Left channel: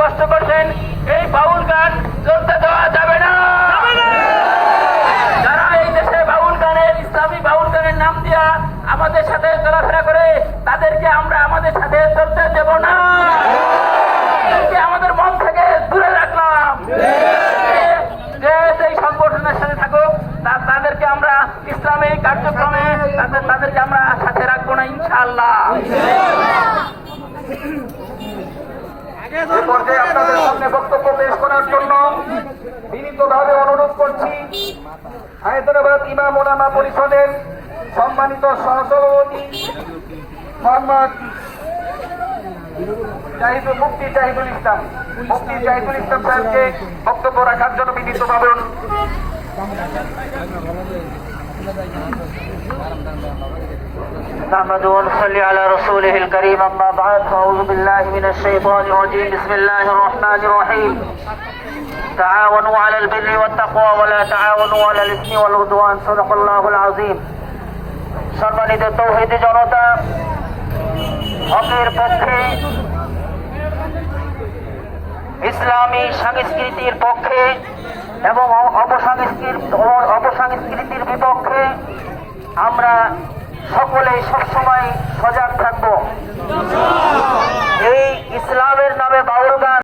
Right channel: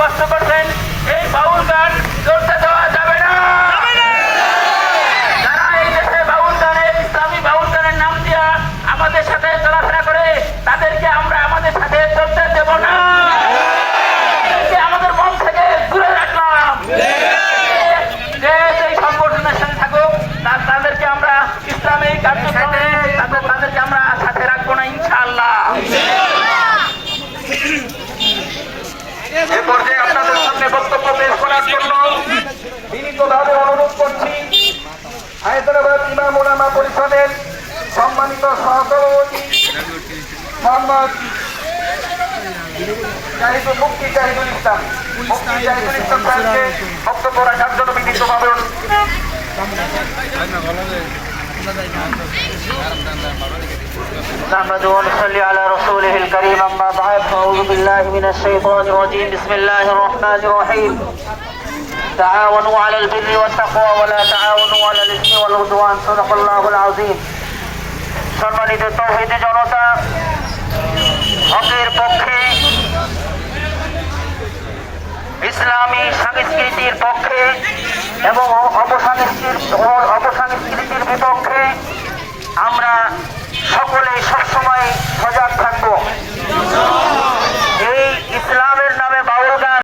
কষ্ট করছেন, এই বাউল গান চলতে দেওয়া যাবে না। যারা এই দেশে বাউল গানের, ইসলামী বাউল গানের নাম দিয়া আমাদের সাথে চলাফেরা করে, তাদেরকে আমরা আমাদের সাথে চলতে দেব না। আমাদের মন থেকে দূরে রাখলাম। যে এই সংগঠনের সাথে থাকুক, তাদেরকে আমরা ইসলামী কার্যক্রমে তাদেরকে আমরা সাথে রাখবো না, ইনশাআল্লাহ। এ পর্যায়ে আপনাদের সামনে বক্তব্য পেশ করার জন্য বিনীতভাবে অনুরোধ করছি হায়দ্রাবাদ ইমাম ওলামা পরিষদের সম্মানিত সহসভাপতি মোহাম্মদ মুফতি জাহিদুল ইসলাম সাহেবকে বক্তব্য রাখার জন্য বিনীতভাবে অনুরোধ করছি। نحمد ونصلي على رسوله الكريم أما بعد فأعوذ بالله من الشيطان الرجيم بسم الله الرحمن الرحيم تعاونوا على البر والتقوى ولا تعاونوا على الإثم والعدوان صدق الله العظيم সম্মানিত তৌহিদি জনতা, হকের পক্ষে, ইসলামী সংস্কৃতির পক্ষে এবং অপসংস্কৃতির বিপক্ষে আমরা সকলে সবসময় সজাগ থাকবো। এই ইসলামের নামে বাউল গান